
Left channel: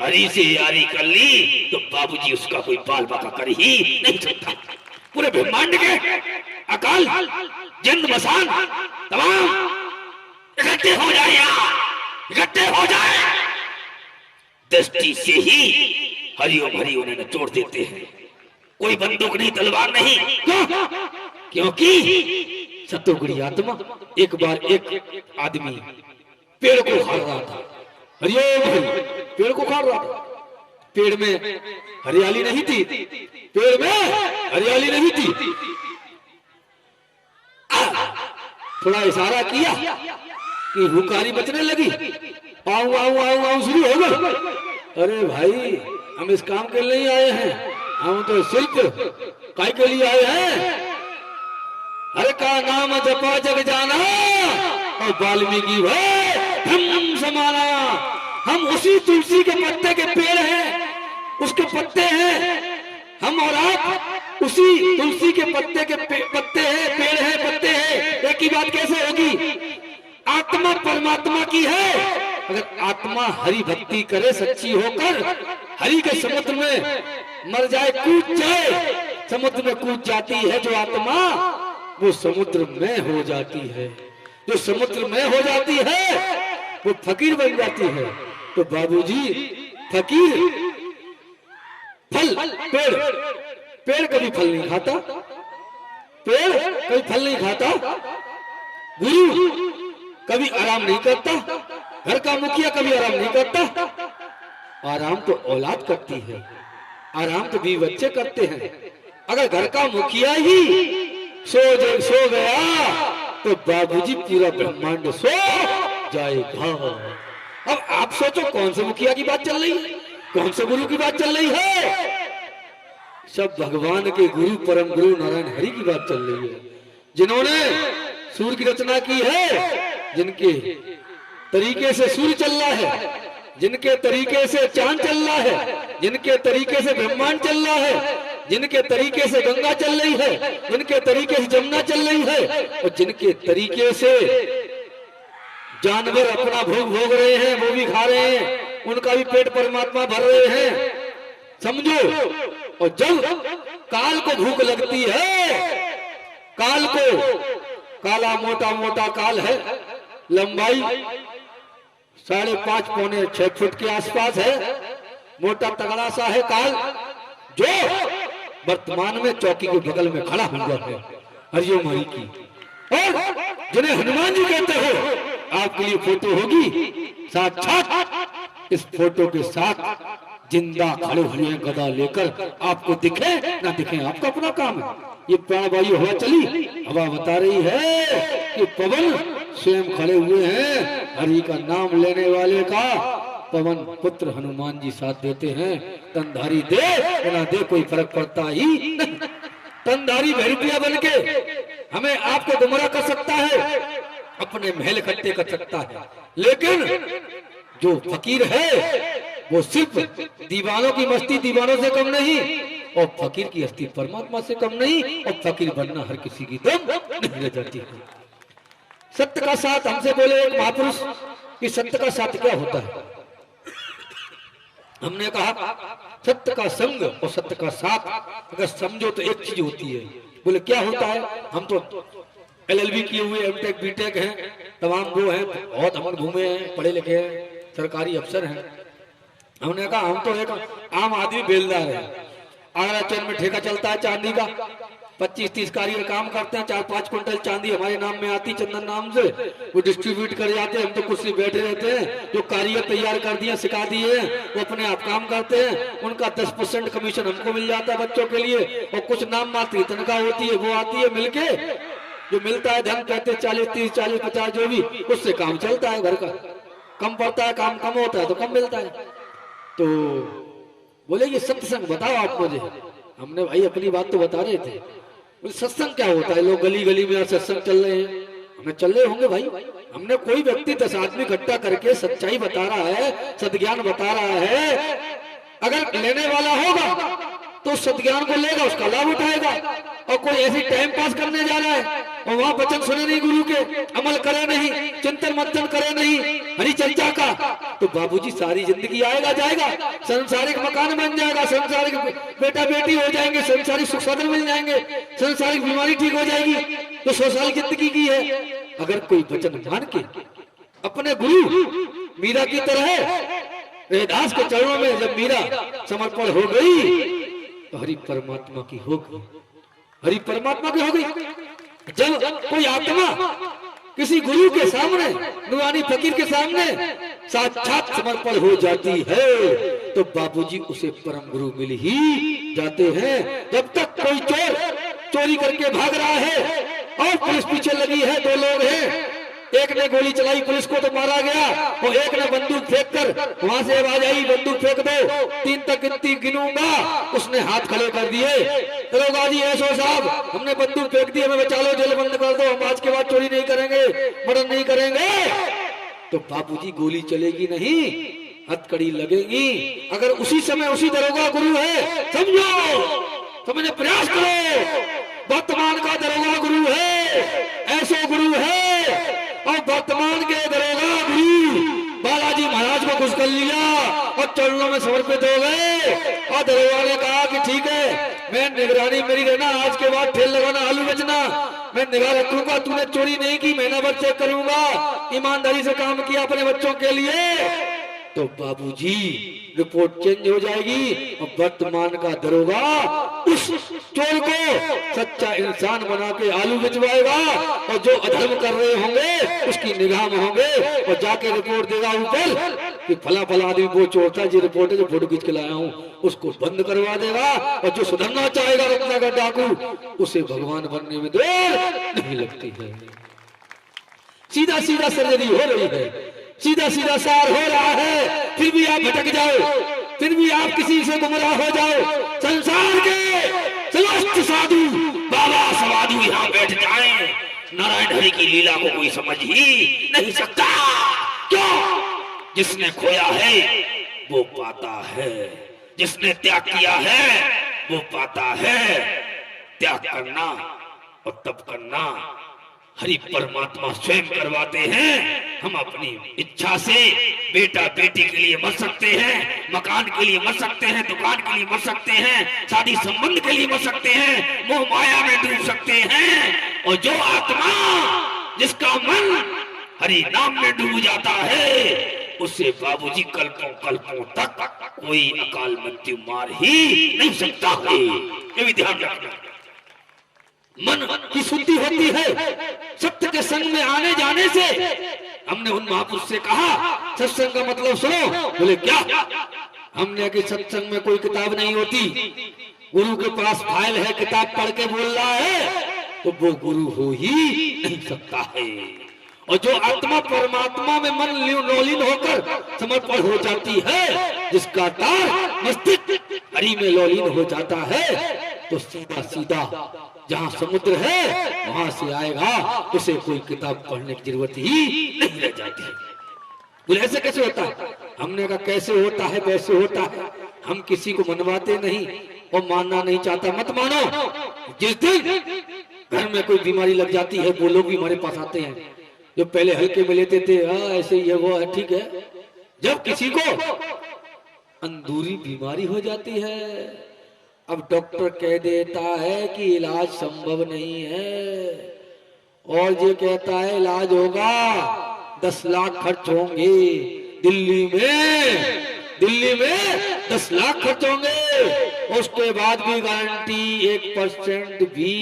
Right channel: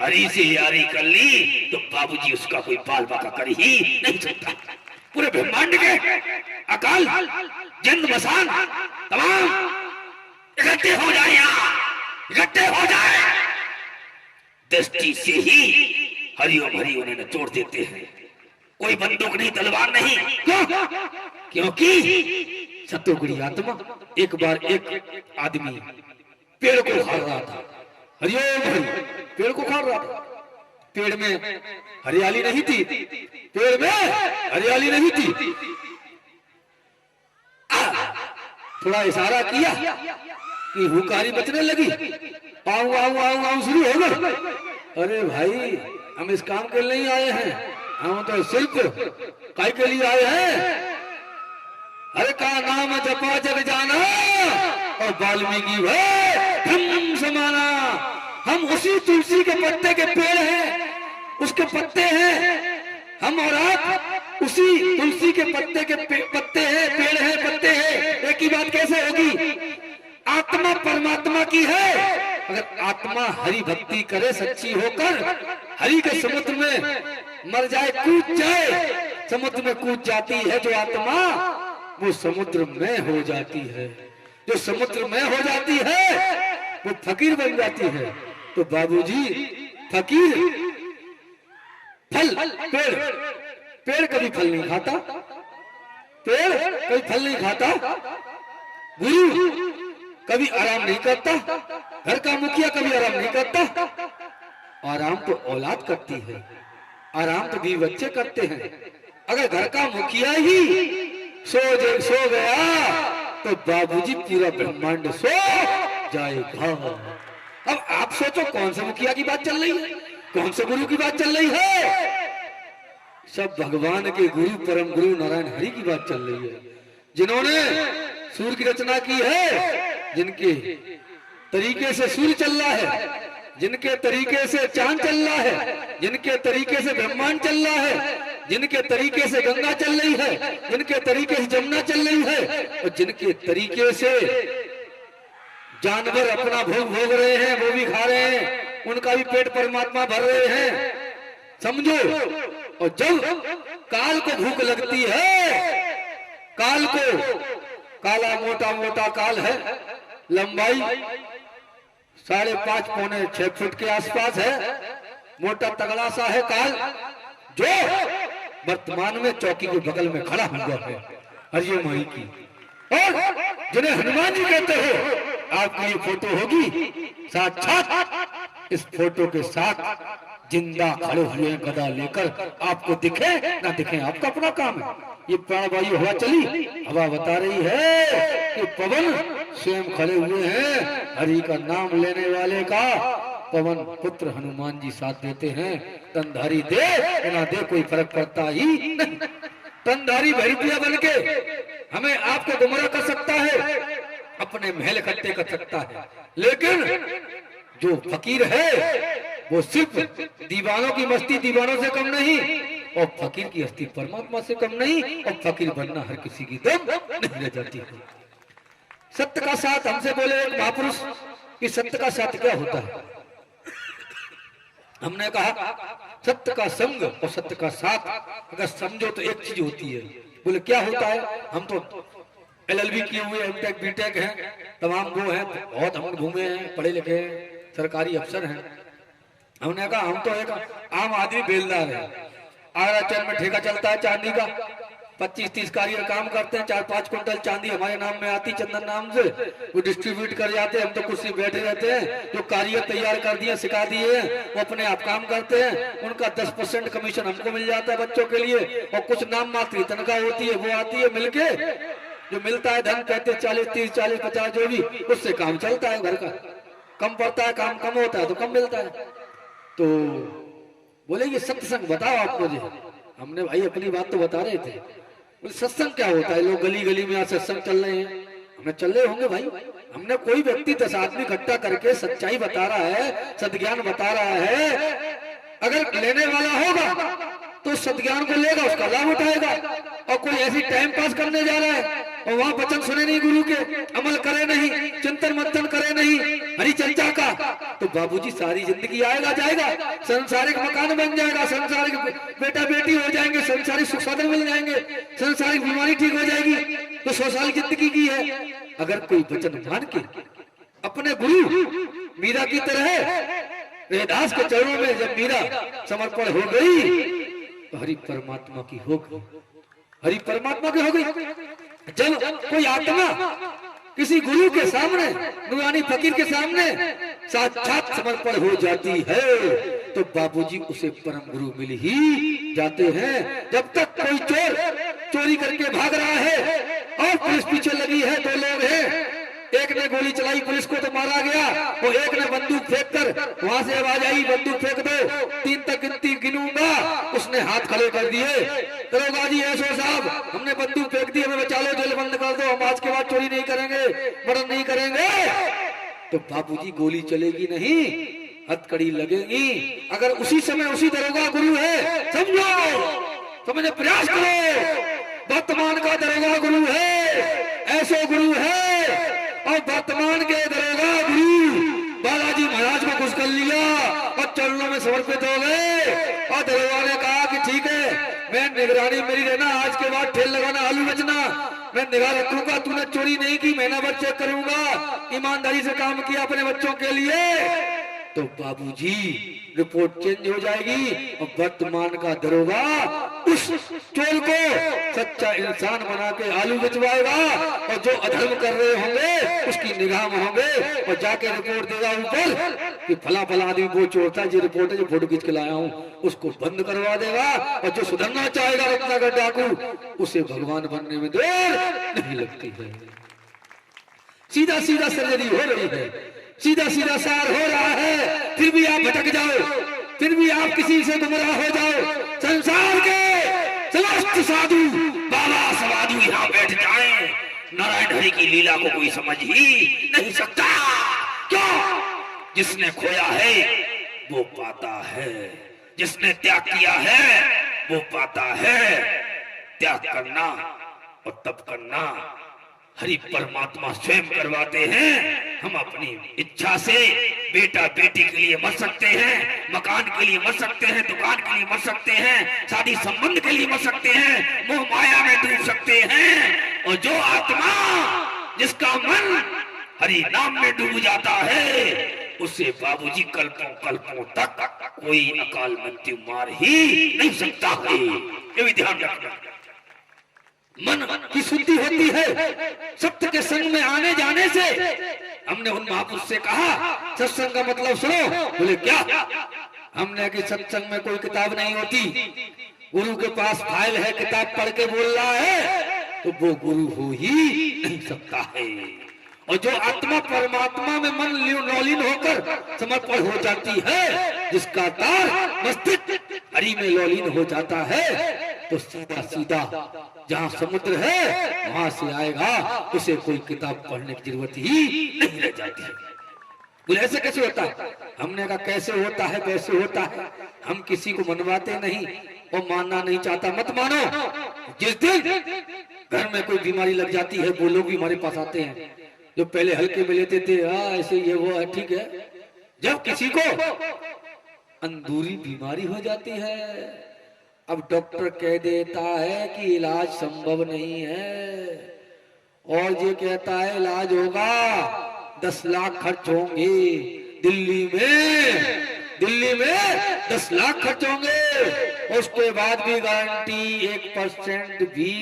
हरि से यारी कर ली, तो बाबूजी उसका कोई बाल बाका कर ही नहीं सकता। पूरे ब्रह्मांड के अकाल जन्म मसान तमाम इकट्ठे हो जाए, इकट्ठे हो जाए, दृष्टि से ही हरिओम हरि उन्हें निचोड़ देते हैं। कोई बंदूक नहीं, तलवार नहीं। क्यों? क्योंकि सतोगुणी आत्मा एक बार एक आदमी पेड़ को खा रहा था, हरिओम हरि पेड़ को खा रहा था। पेड़ में हरियाली नहीं थी, पेड़ में हरियाली नहीं थी। थोड़ा इशारा किया कि हुकारी बचने लगी, आऊ आऊ आऊ आऊ शुरू हो गई। अरे भाई हम इस काम के लिए नहीं आए हैं, हम तो सिर्फ काय के लिए आए हैं। हर का नाम जपा जग जाना और वाल्मीकि हम समाना। हम उसी तुलसी के पत्ते के पेड़ हैं, उसके पत्ते हैं। हम और आप उसी तुलसी के पत्ते के पत्ते हैं, पेड़ हैं, पत्ते हैं। एक ही बात कैसे होगी? आत्मा परमात्मा की है। अगर आत्मा हरि भक्ति करे सच्ची होकर, हरि के समुद्र में मर जाए, कूद जाए, समुद्र में कूद जाती है जो आत्मा, वो समुद्र में हो जाती है। जो समुद्र में हो जाती है वो फकीर बन जाती है। तो बाबूजी फकीर फल, पेड़ पेड़ कभी फल नहीं खाता, पेड़ कभी फल नहीं खाता, गुरु कभी आराम नहीं करता, घर का मुखिया कभी आराम नहीं करता। आराम तो औलाद करती है, आराम तो बीवी बच्चे करते हैं। अगर घर का मुखिया ही सो गया तो बाबूजी पूरा ब्रह्मांड सो जाएगा। अब आप सोचो कौन से मुखिया की बात चल रही है, कौन से गुरु की बात चल रही है? सब भगवान के गुरु परम गुरु नारायण हरि की बात चल रही है, जिन्होंने सूर्य की रचना की है, जिनके तरीके से सूर्य चल रहा है, जिनके तरीके से चांद चल रहा है, जिनके तरीके से ब्रह्मांड चल रहा है, जिनके तरीके से गंगा चल रही है, जिनके तरीके से जमुना चल रही है, और जिनके तरीके से जानवर अपना भोग भोग रहे हैं, वो भी खा रहे हैं, उनका भी पेट परमात्मा भर रहे हैं, समझो। और जब काल को भूख लगती है, काल को, काला मोटा मोटा काल है, लंबाई 5.5 पौने 6 फुट के आसपास है, मोटा तगड़ा सा है काल, जो वर्तमान में चौकी के बगल में खड़ा हुआ है हरिओम हरि की। और जिन्हें हनुमान जी कहते हो, आपके लिए फोटो होगी, साक्षात इस फोटो के साथ जिंदा खड़े हुए गदा लेकर, आपको दिखे ना दिखे आपका अपना काम है। ये प्राणवायु हवा चली, हवा बता रही है कि पवन स्वयं खड़े हुए हैं, हरि का नाम लेने वाले का पवन पुत्र हनुमान जी साथ देते हैं। तनधारी दे ना दे कोई फर्क पड़ता ही नहीं। तनधारी भैरविया बन के हमें आपको गुमराह कर सकता है, अपने महल इकट्ठे कर सकता है, लेकिन जो फकीर है वो सिर्फ दीवानों की मस्ती दीवानों से कम नहीं, और फकीर की हस्ती परमात्मा से कम नहीं, और फकीर बनना हर किसी की दम नहीं रह जाती है। सत्य का साथ, हमसे बोले एक महापुरुष कि सत्य का साथ क्या होता है? हमने कहा सत्य का संग और सत्य का साथ अगर समझो तो एक चीज होती है। बोले क्या होता है? हम तो LLB किए हुए MTech BTech हैं, तमाम वो हैं, बहुत हम घूमे हैं, पढ़े लिखे हैं, सरकारी अफसर हैं। हमने कहा हम तो एक आम आदमी बेलदार है। आगरा चैन में ठेका चलता है चांदी का, 25-30 कारीगर काम करते हैं, 4-5 कुंटल चांदी हमारे नाम में आती, चंदन नाम से, वो डिस्ट्रीब्यूट कर जाते हैं। हम तो कुर्सी बैठे रहते हैं, जो कारीगर तैयार कर दिए, सिखा दिए हैं, वो अपने आप काम करते हैं। उनका 10% कमीशन हमको मिल जाता है बच्चों के लिए, और कुछ नाम मात्र तनख्वाह होती है, वो आती है मिलके, जो मिलता है धन कहते 40, 30, 40, 50 जो भी, उससे काम चलता है घर का। कम पड़ता है, काम कम होता है तो कम मिलता है। तो बोले ये सत्संग बताओ आप मुझे। हमने भाई अपनी बात तो बता रहे थे। बोले सत्संग क्या होता है? लोग गली गली में सत्संग चल रहे हैं। हमें चल रहे होंगे भाई। हमने कोई व्यक्ति 10 आदमी इकट्ठा करके सच्चाई बता रहा है, सद्ज्ञान बता रहा है, अगर लेने वाला होगा तो सद्ज्ञान को लेगा, उसका लाभ उठाएगा। और कोई ऐसी टाइम पास करने जा रहा है और वहां वचन सुने नहीं गुरु के, अमल करे नहीं, चिंतन मंथन करे नहीं हरि चर्चा का, तो बाबूजी सारी जिंदगी आएगा जाएगा, संसारिक मकान बन जाएगा, संसारिक बेटा बेटी हो जाएंगे, संसारिक सुख साधन मिल जाएंगे, संसारिक बीमारी ठीक हो जाएगी। तो 100 साल जिंदगी की है। अगर कोई वचन मान के अपने गुरु मीरा की तरह रविदास के चरणों में जब मीरा समर्पण हो गई तो हरि परमात्मा की हो गई, हरि परमात्मा की हो गई। जब कोई आत्मा किसी गुरु के सामने, नूरानी फकीर के सामने साक्षात समर्पण हो जाती है तो बाबूजी उसे परम गुरु मिल ही जाते हैं। जब तक कोई चोर चोरी करके भाग रहा है और पुलिस पीछे लगी है, 2 लोग हैं, एक ने गोली चलाई, पुलिस को तो मारा गया, और एक ने बंदूक फेंक कर वहां से आवाज आई बंदूक फेंक दो, 3 तक गिनूंगा, उसने हाथ खड़े कर दिए, दरोगा जी ऐसो साहब हमने बंदूक फेंक दी, हमें बचा लो, जेल बंद कर दो, हम आज के बाद चोरी नहीं करेंगे, मर्डर नहीं करेंगे। तो बाबूजी गोली चलेगी नहीं, हथकड़ी लगेगी। अगर उसी समय उसी दरोगा गुरु है, समझो, समझने प्रयास करो, वर्तमान का दरोगा गुरु है, ऐसो गुरु है। और वर्तमान के दरोगा गुरु बालाजी महाराज को खुश कर लिया और चरणों में समर्पित हो गए। और दरोगा ने कहा कि ठीक है, मैं निगरानी मेरी रहना, आज के बाद ठेल लगाना, आलू बेचना, मैं निगाह रखूंगा, तूने चोरी नहीं की, महीना भर चेक करूंगा, ईमानदारी से काम किया अपने बच्चों के लिए। तो बाबूजी रिपोर्ट चेंज हो जाएगी और वर्तमान का दरोगा उस चोर को सच्चा इंसान बना के आलू बिचवाएगा, और जो अधर्म कर रहे होंगे उसकी निगाह में होंगे, और जाके रिपोर्ट देगा ऊपर कि फला फला आदमी वो चोर था, जो रिपोर्ट है, जो फोटो खींच के लाया हूं, उसको बंद करवा देगा। और जो सुधरना चाहेगा रत्ना का डाकू, उसे भगवान बनने में देर नहीं लगती है। सीधा सीधा सर्जरी हो रही है, सीधा सीधा सार हो रहा है, फिर भी आप भटक जाओ, फिर भी आप किसी से गुमराह हो जाओ। संसार के समस्त साधु बाबा समाधु यहाँ बैठ जाएं, नारायण हरि की लीला को कोई समझ ही नहीं सकता। क्यों? जिसने खोया है वो पाता है, जिसने त्याग किया है वो पाता है। त्याग करना और तप करना हरि परमात्मा स्वयं करवाते हैं। हम अपनी इच्छा से बेटा बेटी के लिए मर सकते हैं, मकान के लिए मर सकते हैं, दुकान के लिए मर सकते हैं, शादी संबंध के लिए मर सकते हैं, मोह माया में डूब सकते हैं। और जो आत्मा, जिसका मन हरि नाम में डूब जाता है, उससे बाबूजी कल्पों कल्पों तक कोई अकाल मृत्यु मार ही नहीं सकता है। ये भी ध्यान रखना। मन की शुद्धि होती है सत्य के संग में आने जाने से। हमने उन महापुरुष से कहा सत्संग का मतलब सुनो। बोले क्या? हमने कि सत्संग में कोई किताब नहीं होती, गुरु के पास फाइल है, किताब पढ़ के बोल रहा है तो वो गुरु हो ही नहीं सकता है। और जो आत्मा परमात्मा में मन लौलीन होकर समर्पण हो जाती है, जिसका तार मस्तिष्क हरि में लौलीन हो जाता है, तो सीधा सीधा जहाँ समुद्र है वहां से आएगा, उसे कोई किताब पढ़ने की जरूरत ही नहीं रह जाती है। बोले ऐसे कैसे होता है? हमने कहा कैसे होता है वैसे होता है। हम किसी को मनवाते नहीं और मानना नहीं चाहता, मत मानो। जिस दिन घर में कोई बीमारी लग जाती है, वो लोग भी हमारे पास आते हैं जो पहले हल्के में लेते थे, हाँ ऐसे ये वो है, ठीक है। जब किसी को अंदूरी बीमारी हो जाती है। अब डॉक्टर कह देता है कि इलाज संभव नहीं है, और ये कहता है इलाज होगा, 10 लाख खर्च होंगे दिल्ली में 10 लाख खर्च होंगे। उसके बाद भी गारंटी 1% भी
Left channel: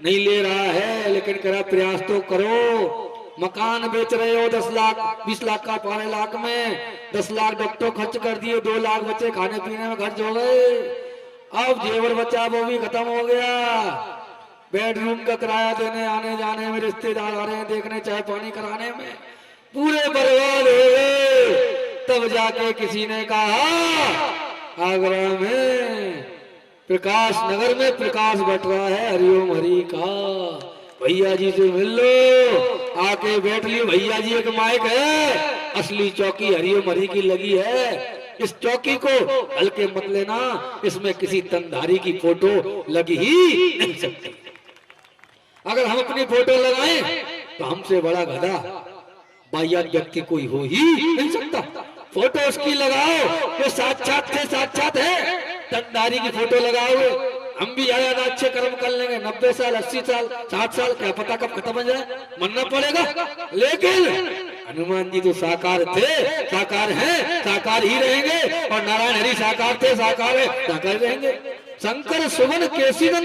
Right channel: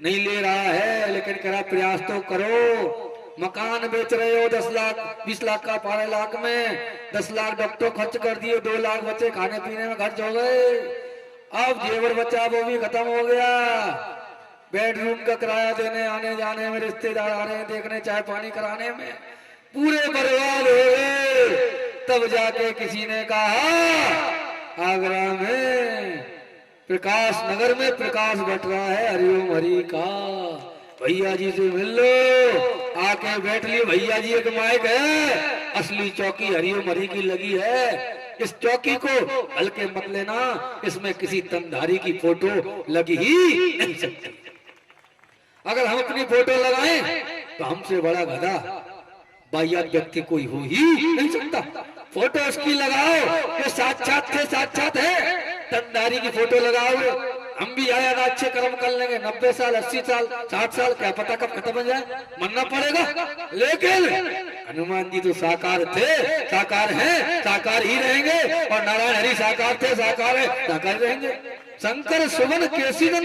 नहीं ले रहा है, लेकिन कह रहा प्रयास तो करो। मकान बेच रहे हो 10 लाख 20 लाख का, 12 लाख में 10 लाख डॉक्टर खर्च कर दिए, 2 लाख बचे खाने पीने में खर्च हो गए। अब जेवर बचा वो भी खत्म हो गया, बेडरूम का किराया देने आने जाने में, रिश्तेदार आ रहे हैं देखने, चाय पानी कराने में, पूरे बर्बाद हो गए। तब जाके किसी ने कहा आगरा में प्रकाश नगर में प्रकाश बट रहा है हरिओम हरि का, भैया जी से मिल लो। आके बैठ लिए भैया जी, एक माइक है, असली चौकी हरिओम हरि की लगी है। इस चौकी को हल्के मत लेना, इसमें किसी तंधारी की फोटो लगी ही नहीं सकती। अगर हम अपनी फोटो लगाएं तो हमसे बड़ा गधा बाह्य व्यक्ति कोई हो ही नहीं सकता। फोटो उसकी लगाओ जो साक्षात से साक्षात है, तंधारी की फोटो लगाओ। हम भी आया ना अच्छे कर्म कर लेंगे, 90 साल 80 साल 60 साल क्या पता कब खत्म हो जाए, मरना पड़ेगा। लेकिन हनुमान जी तो साकार थे, साकार हैं, साकार ही रहेंगे, और नारायण हरि साकार थे, साकार है, साकार रहेंगे। शंकर सुमन केसी नंदन